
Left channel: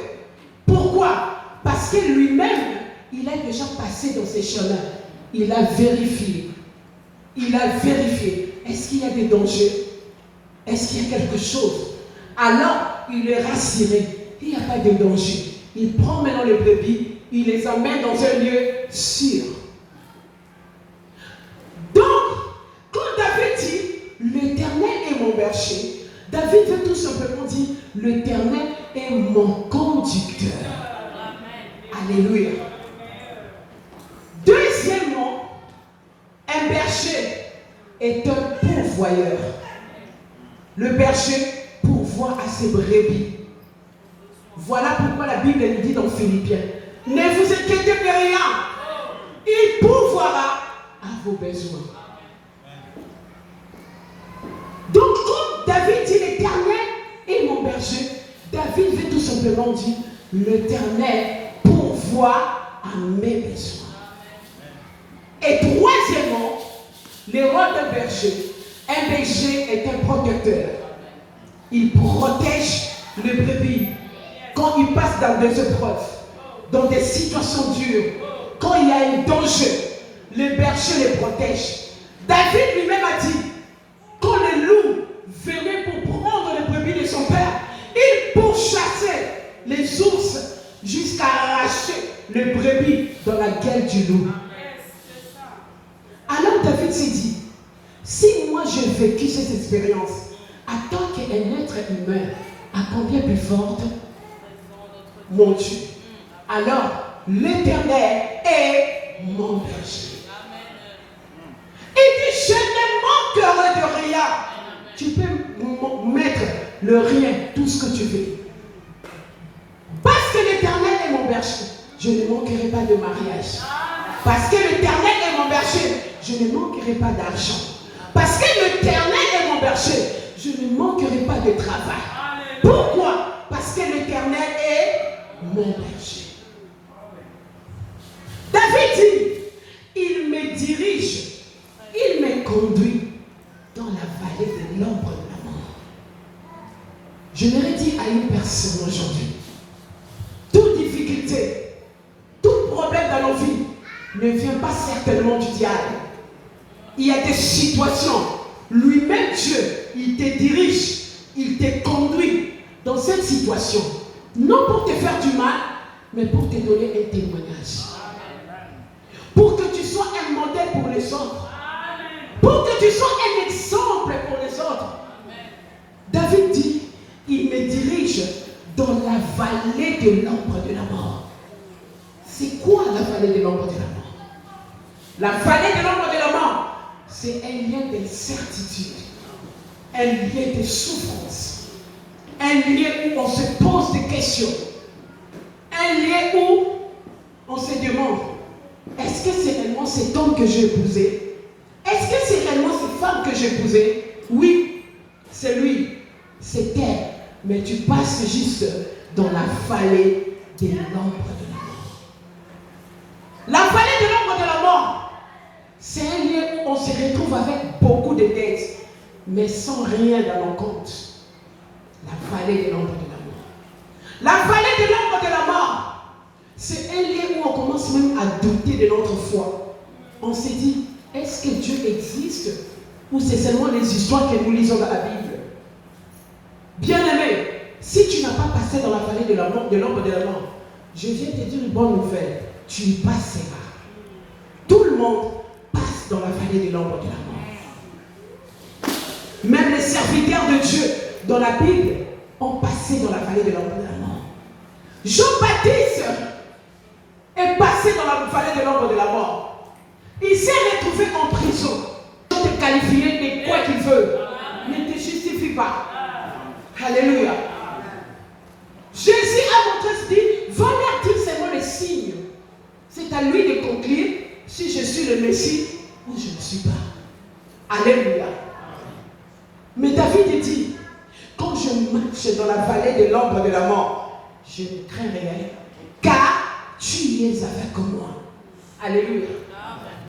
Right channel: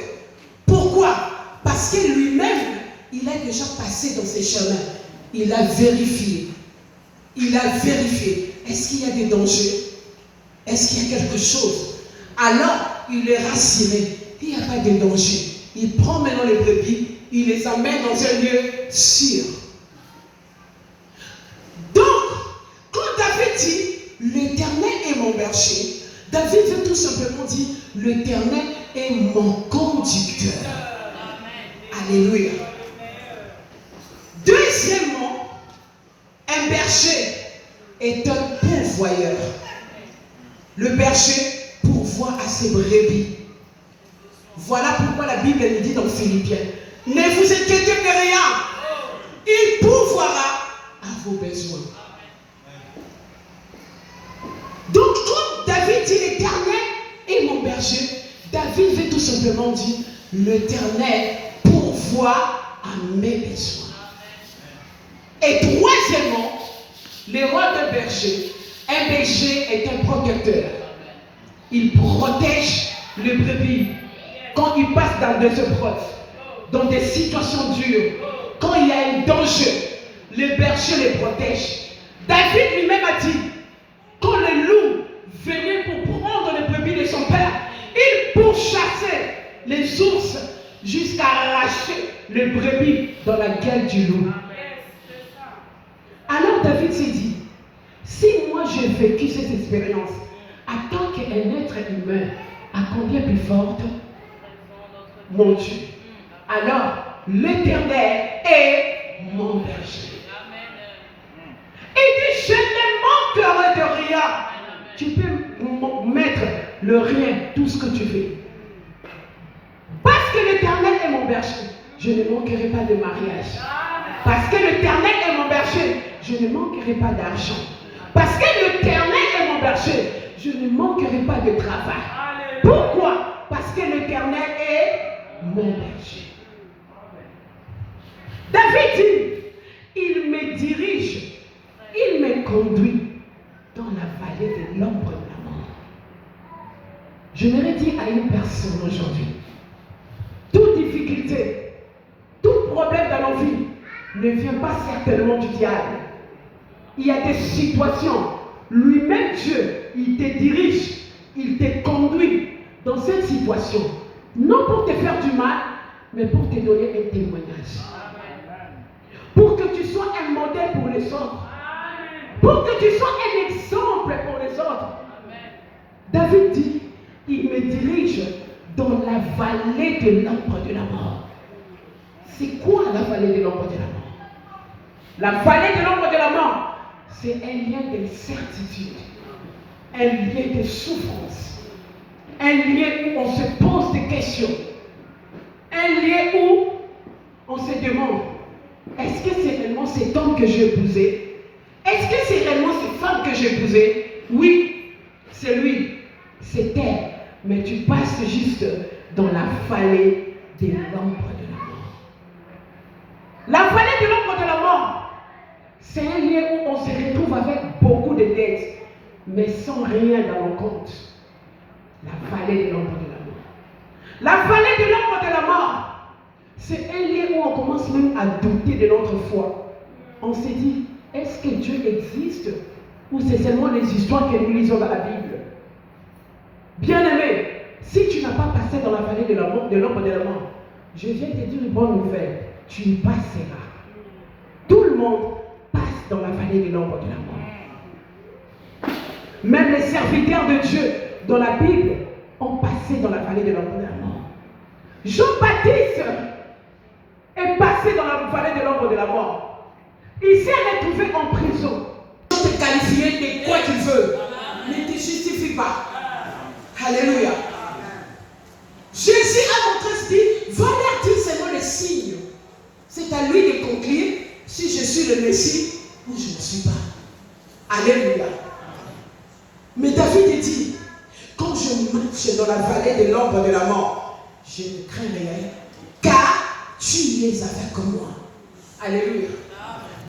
Pourquoi? Parce que lui-même, il a déjà passé dans ses chemins. Il a vérifié. Il a vérifié. Est-ce qu'il y a des dangers? Est-ce qu'il y a quelque chose? Alors, il est rassuré. Il n'y a pas de danger. Il prend maintenant les brebis, il les amène dans un lieu sûr. Donc, quand David dit, l'Éternel est mon berger, David veut tout simplement dire, l'Éternel est mon conducteur. Alléluia. Deuxièmement, un berger est un pourvoyeur. Le berger pourvoit à ses brebis. Voilà pourquoi la Bible nous dit dans Philippiens, ne vous inquiétez de rien, il pourvoira à vos besoins. Donc quand David dit l'Éternel est mon berger, David veut tout simplement dire l'Éternel pourvoit à mes besoins. Et troisièmement, le rôle d'un berger. Un berger est un protecteur. Il protège les brebis quand il passe dans des épreuves, dans des situations dures, quand il y a un danger, le berger les protège. David lui-même a dit, quand les loups venaient pour prendre les brebis de son père, il pourchassait les ours jusqu'à arracher les brebis dans la gueule du loup. Alors David s'est dit, si moi j'ai vécu cette expérience en tant qu'un être humain, à combien plus forte, mon Dieu, alors l'Éternel est mon berger. Il dit, je ne manquerai de rien. Tu peux mettre le rien, tout ce que tu veux. Parce que l'Éternel est mon berger, je ne manquerai pas de mariage. Parce que l'Éternel est mon berger, je ne manquerai pas d'argent. Parce que l'Éternel est mon berger, je ne manquerai pas de travail. Pourquoi? Parce que l'Éternel est mon berger. David dit, il me dirige, il me conduit dans la vallée de l'ombre de la mort. J'aimerais dire à une personne aujourd'hui, toute difficulté, tout problème dans nos vies ne vient pas certainement du diable. Il y a des situations, lui-même Dieu, il te dirige, il te conduit dans cette situation, non pour te faire du mal, mais pour te donner un témoignage. Pour que tu sois un modèle pour les autres. Pour que tu sois un exemple pour les autres. David dit, il me dirige dans la vallée de l'ombre de la mort. C'est quoi la vallée de l'ombre de la mort? La vallée de l'ombre de la mort, c'est un lien d'incertitude, un lien de souffrance, un lieu où on se pose des questions, un lieu où on se demande, est-ce que c'est réellement cet homme que j'ai épousé? Est-ce que c'est réellement cette femme que j'ai épousée? Oui, c'est lui, c'est elle, mais tu passes juste dans la vallée de l'ombre de la mort. La vallée de l'ombre de la mort, c'est un lieu où on se retrouve avec beaucoup de dettes, mais sans rien dans nos comptes. La vallée de l'ombre de la mort. La vallée de l'ombre de la mort, c'est un lieu où on commence même à douter de notre foi. On se dit, est-ce que Dieu existe ou c'est seulement les histoires que nous lisons dans la Bible? Bien-aimé, si tu n'as pas passé dans la vallée de l'ombre de la mort, je viens te dire une bonne nouvelle, tu y passeras. Tout le monde passe dans la vallée de l'ombre de la mort. Même les serviteurs de Dieu dans la Bible ont passé dans la vallée de l'ombre de la mort. Jean-Baptiste est passé dans la vallée de l'ombre de la mort. Il s'est retrouvé en prison. Il peut te qualifier de quoi tu veux, mais ne te justifie pas. Alléluia. Jésus a montré ce dit, va leur dire seulement les signes. C'est à lui de conclure si je suis le Messie ou je ne suis pas. Alléluia. Mais David dit, quand je marche dans la vallée de l'ombre de la mort, je ne crains rien, car tu es avec moi. Alléluia.